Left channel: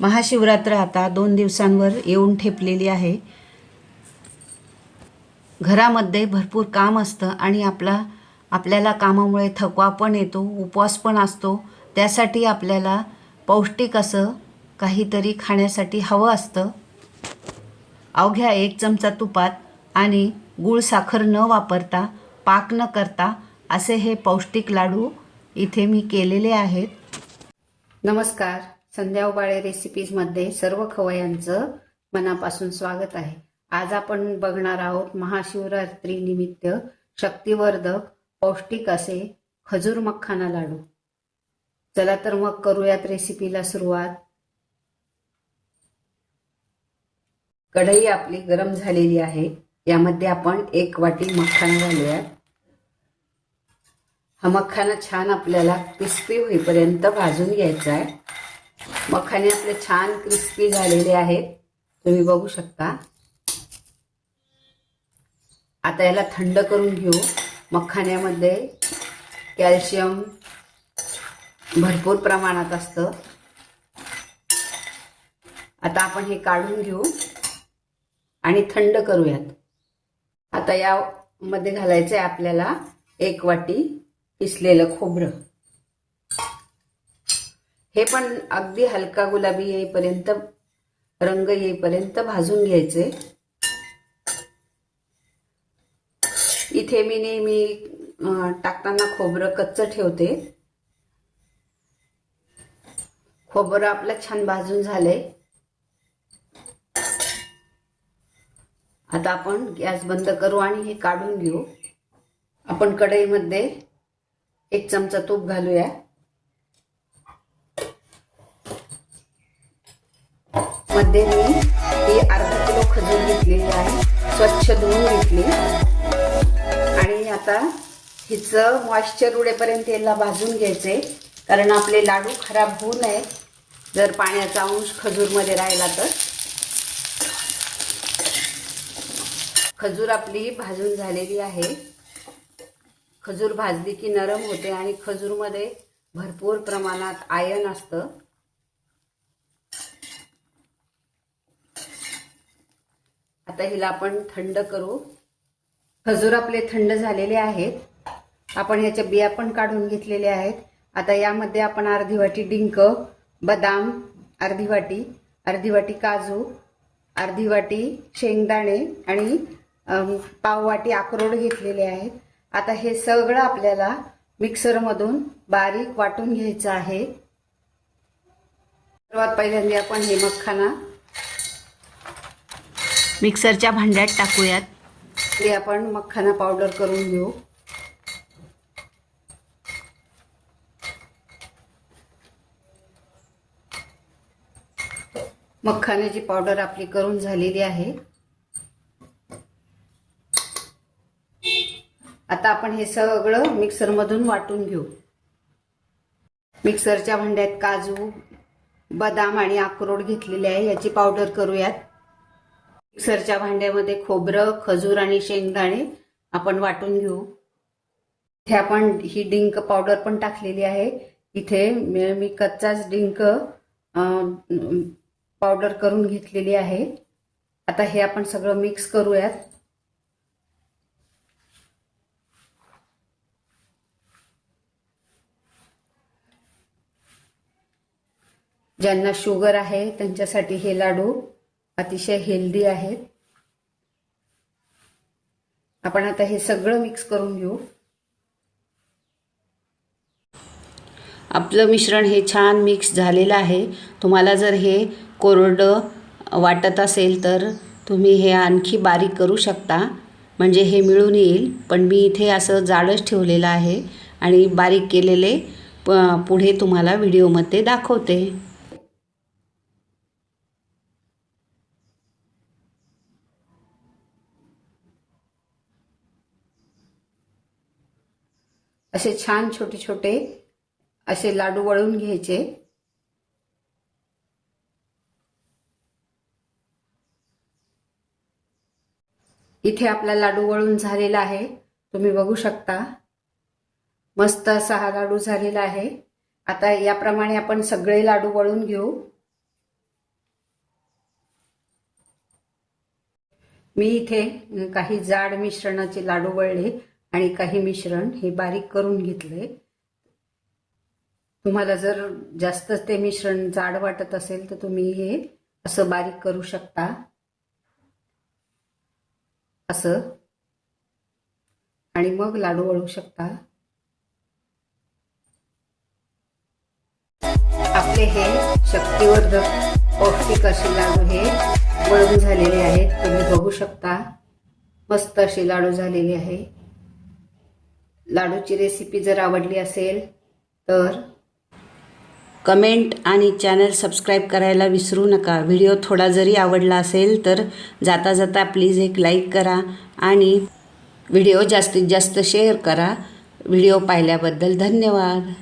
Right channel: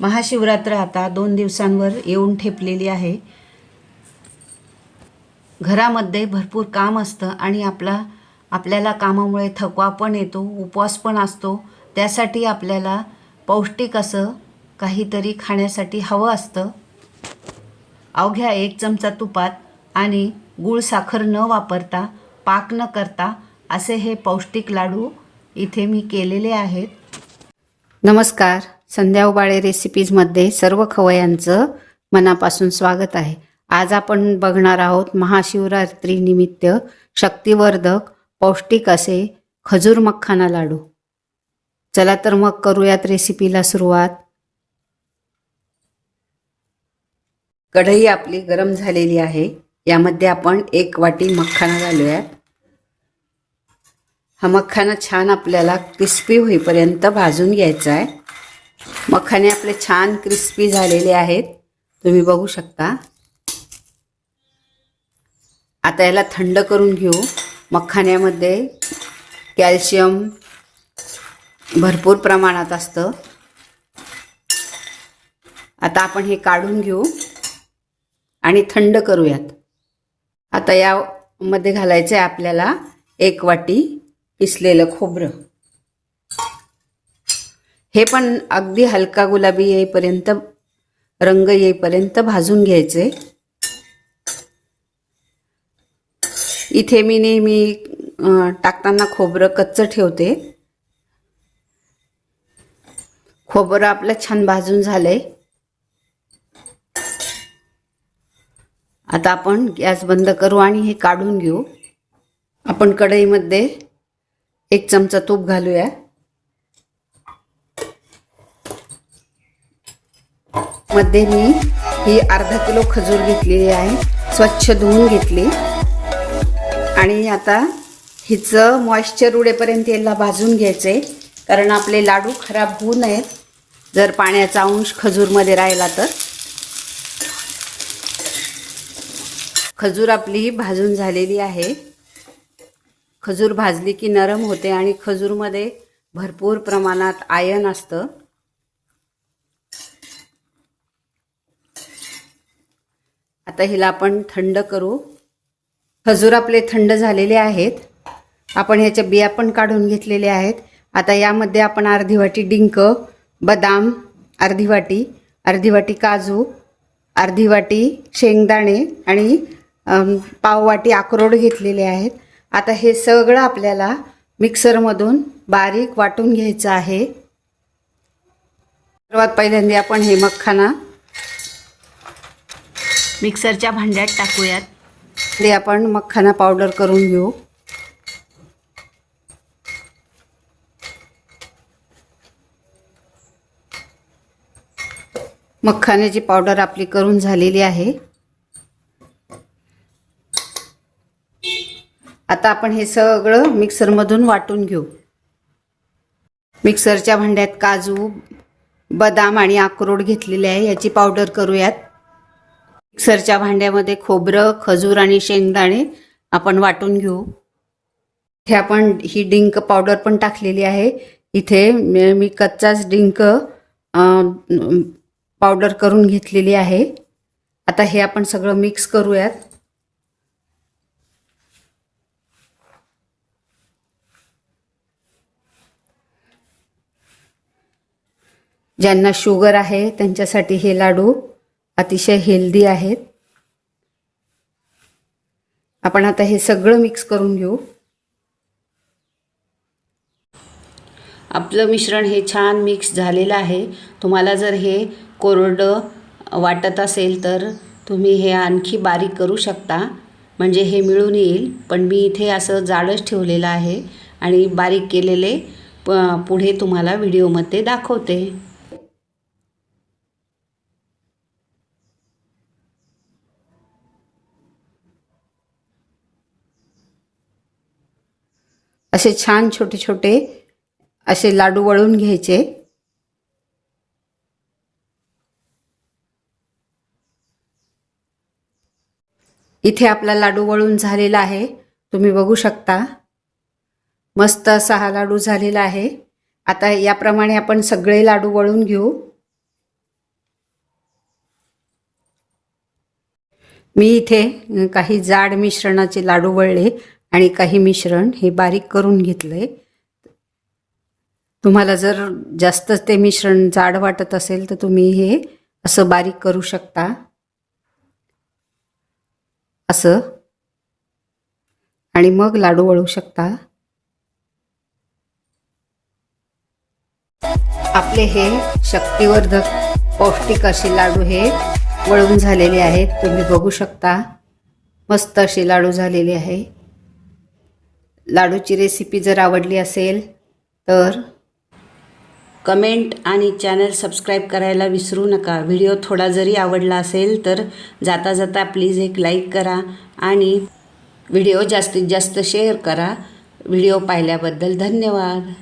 महाशिवरात्र आता 2 दिवसांवर येऊन ठेपलेली आहे. घरामध्ये भरपूर काम असतं आणि आपल्याला कामामुळे थकवा पण येतो, उपवास पण असतो. त्यासाठी आपल्याला पौष्टिक असं काहीतरी खाण्यासाठी हवं असतं. अवघ्या 1 चमचा तुपात आणि गूळ साखर न वापरता, पाक न करता असे हे पौष्टिक लाडू इथे मी केलेले आहेत. नमस्कार, संध्या उबाळे रेसिपीजमध्ये सर्व खवयांचं मनापासून स्वागत आहे. आज आपण बघणार आहोत महाशिवरात्रीनिमित्त शक्तिवर्धक पौष्टिक असे खजूर मखाना लाडू. चला तर मग करूयात रेसिपीला सुरुवात. कढई आपली गरम झालेली आहे. यामध्ये आपण 1 वाटी मखाना घालूयात. हा मखाना छान आपल्याला क्रिस्पी होईपर्यंत भाजून घ्यायचा आहे. मखाने आपले छान क्रिस्पी झालेले आहेत, तुम्ही बघू शकता. आता याला थंड करून घेऊ. मखान्यामध्ये कॅल्शियम भरपूर प्रमाणात असतं. आता आपण हे काढून घेऊ आणि थंड करूयात. आता यामध्ये घालायचं आहे आपल्याला 1 वाटी किसलेलं खोबरं. हे पण अगदी हलका गुलाबी येईपर्यंत, रंग येईपर्यंत भाजून घ्यायचे. इथे मी नेहमी टाकताना खोबरं कच्चं ठेवते. खोबरं आपलं छान भाजून झालंय. आता आपण गॅस बंद करू आणि हे काढून घेऊ. आपण कढईमध्ये 1 चमचा तूप घालूया. मध्ये मी ही अर्धा किलो खजूर घेतलेली आहे, स्वच्छ धुवून घेतली. आणि आता हिचं मॉइश्चर उडेपर्यंत याला भाजून घ्यायचंय, कारण आपले लाडू खराब होऊ नयेत जर पाण्याचा अंश खजूरमध्ये राहिला तर. खजूर आपली भाजून झालेली आहे. खजूर भाजली की नरम होते आणि खजूरमध्ये भरपूर प्रमाणात आयर्न असतं. आता हिला आपण थंड करू. खजूर आपले थंड झालेले आहेत. आपण ह्याच्या बिया पण काढून घेतलेल्या आहेत. आता यामध्ये आपण अर्धी वाटी डिंक, बदाम अर्धी वाटी काजू, अर्धी वाटी शेंगदाणे आणि पाव वाटी अक्रोड घेतलेले आहेत. आता हे सगळं आपल्याला मिक्सरमधून बारीक वाटून घ्यायचं आहे. सर्वात पहिल्यांदा आपण हे मखाना मिक्सरच्या भांड्यात टाकूयात. ते आपण मखाना पावडर करून घेऊ. मखान्याची पावडर आपली करून झालेली आहे. आता आपण हे सगळं मिक्सरमधून वाटून घेऊ. मिक्सरच्या भांड्यात काजू, बदाम आणि अक्रोड घेतलेले आहे, याची पावडर करूयात. मिक्सरच्या भांड्यामध्ये खोबरं, खजूर आणि शेंगदाणे आपण वाटून घेऊ. इथे आपण ही डिंक पावडर पण टाकलेली आहे. इथे मी कच्चाच डिंक पावडर करून घेतलेली आहे. आता हे आपण सगळं मिक्स करूयात. ज्यांना शुगर आहे त्यांच्यासाठी हे लाडू अतिशय हेल्दी आहेत. आपण आता हे सगळं मिक्स करून घेऊ. आपलं मिश्रण हे छान मिक्स झालेलं आहे. तुम्हाला जर हे कोरडं वाटत असेल तर तुम्ही हे आणखी बारीक करू शकता, म्हणजे हे मिळून येईल. पण मी इथे असं जाडच ठेवलेलं आहे आणि बारीक केलेले पुढे तुम्हाला व्हिडिओमध्ये दाखवते. असे छान छोटे छोटे असे लाडू वळून घ्यायचे. इथे आपला लाडू वळून झालेला आहे, तुम्ही बघू शकता. मस्त असा हा लाडू झालेला आहे. आता याप्रमाणे आपण सगळे लाडू वळून घेऊ. मी इथे काही जाड मिश्रणाचे लाडू वळले आणि काही मिश्रण हे बारीक करून घेतले. तुम्हाला जर जास्त ते मिश्रण जाड वाटत असेल तर तुम्ही हे असं बारीक करू शकता. असं आणि मग लाडू वळू शकता. आपले हे शक्तिवर्धक पौष्टिक असे लाडू हे वळून झालेले आहेत. तुम्ही बघू शकता मस्त असे लाडू झालेले आहे. लाडूची रेसिपी जर आवडली असेल तर कमेंट आणि चॅनल सबस्क्राईब करायला विसरू नका. व्हिडिओ थोडा जरी आवडला असेल तर जाता जाता प्लीज एक लाईक करा आणि व्हिडिओ जास्तीत जास्त शेअर करा. व्हिडिओ पाहिल्याबद्दल धन्यवाद.